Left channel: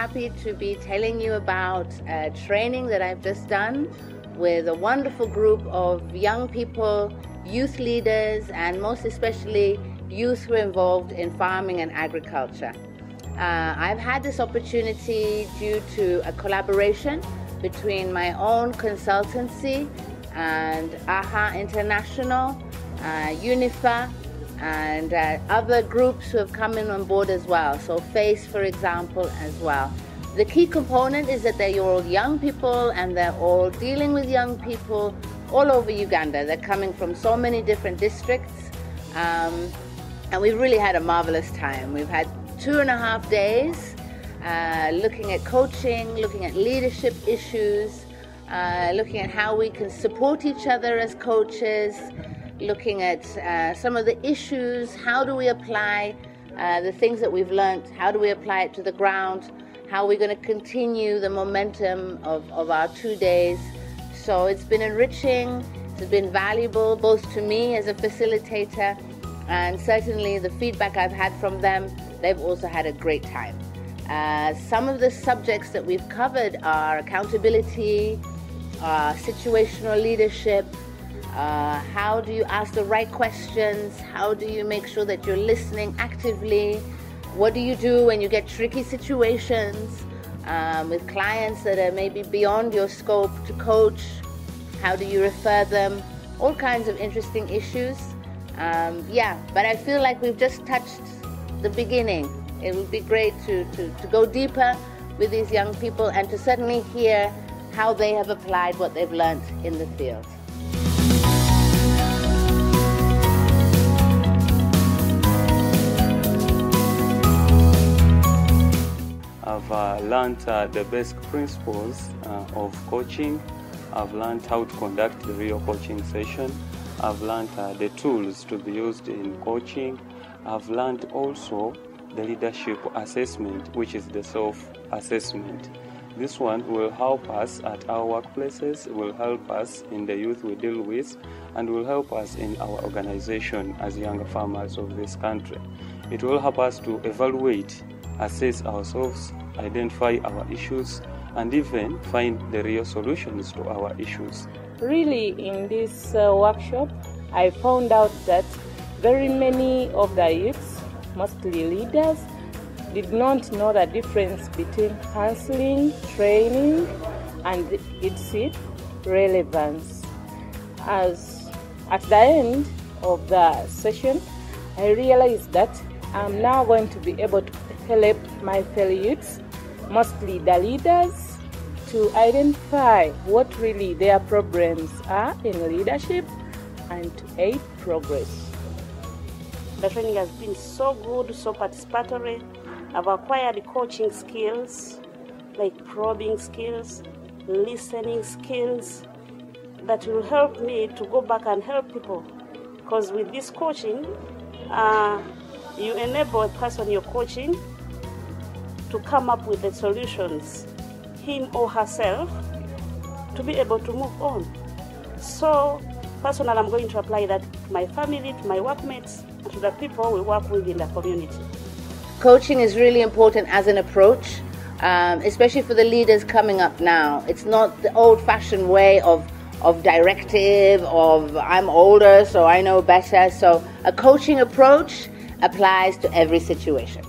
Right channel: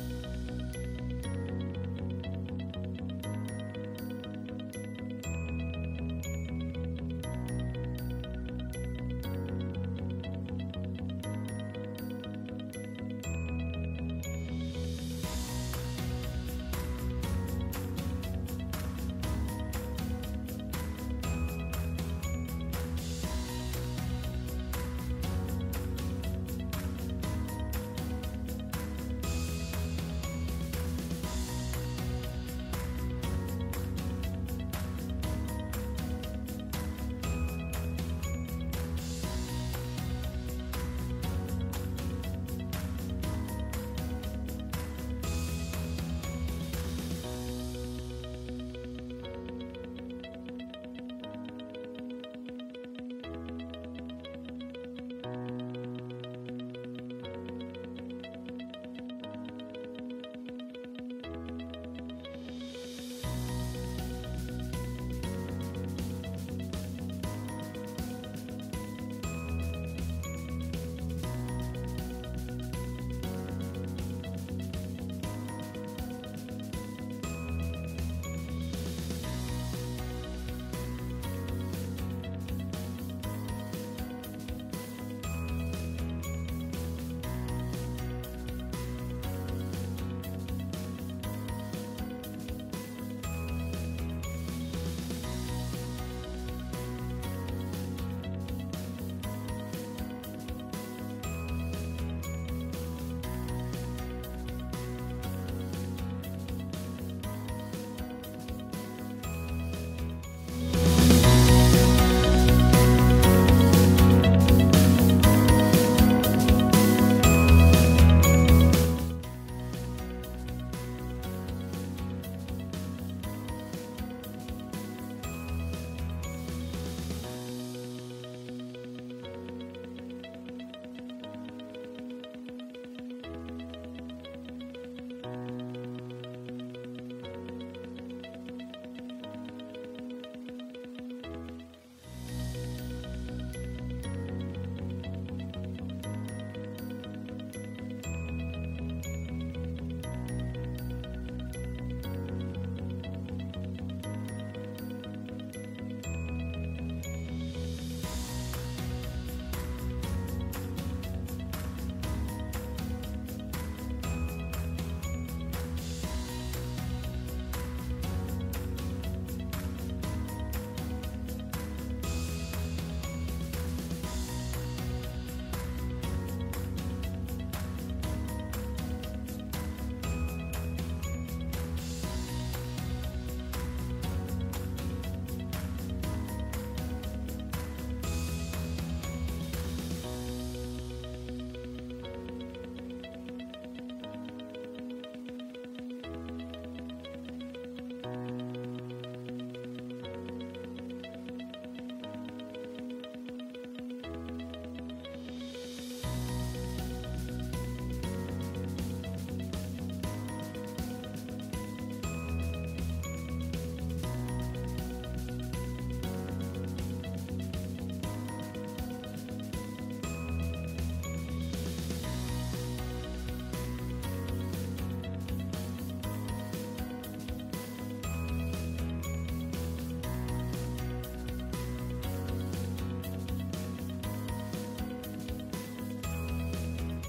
happy to be telling you about a training that I've just done with a wonderful group of young people, youth leaders, and most especially youth who are involved in farming and agriculture. I've had this opportunity due to a collaboration between my own consultancy and AHA International, UNIFA, and other groups who have come in on board as well. So FACE, for example, as well. The key component is that they're all young people and they're all dealing with young people all over Uganda. They're coming from so many different districts, and we've really had a marvelous time. We've had 2.5 days looking at coaching, looking at leadership issues, looking at how we can support each other as coaches, looking at some of the issues. How do we apply the things that we've learned? How do we apply it to the ground? How are we going to continue the momentum of our 2 days? So it's been enriching, it's been valuable both to me as a facilitator, and certainly the feedback I've had from them, they've also had a great time. Some of the subjects that we've covered are accountability, situational leadership, how do you ask the right questions, how do you make sure that you're listening actively, what do you do when you get tricky situations with clients that are maybe beyond your scope to coach, how do you refer them, all kinds of interesting issues. Yeah, but I feel like we've just touched the beginning. It would be great to go deeper with these young people and to certainly hear how they have applied what they've learned in the field. I've learned the basic principles of coaching. I've learned how to conduct the real coaching session. I've learned the tools to be used in coaching. I've learned also the leadership assessment, which is the self-assessment. This one will help us at our workplaces, will help us in the youth we deal with, and will help us in our organization as younger farmers of this country. It will help us to evaluate, assess ourselves, identify our issues, and even find the real solutions to our issues. Really, in this workshop, I found out that very many of the youths, mostly leaders, did not know the difference between counseling, training, and its relevance. As at the end of the session, I realized that I'm now going to be able to help my fellow youths, mostly the leaders, to identify what really their problems are in leadership and to aid progress. The training has been so good, so participatory. I've acquired coaching skills, like probing skills, listening skills, that will help me to go back and help people. Because with this coaching, you enable a person you're coaching to come up with the solutions, him or herself, to be able to move on. So, personally, I'm going to apply that to my family, to my workmates, and to the people we work with in the community. Coaching is really important as an approach, especially for the leaders coming up now. It's not the old-fashioned way of directive, of I'm older so I know better. So a coaching approach applies to every situation.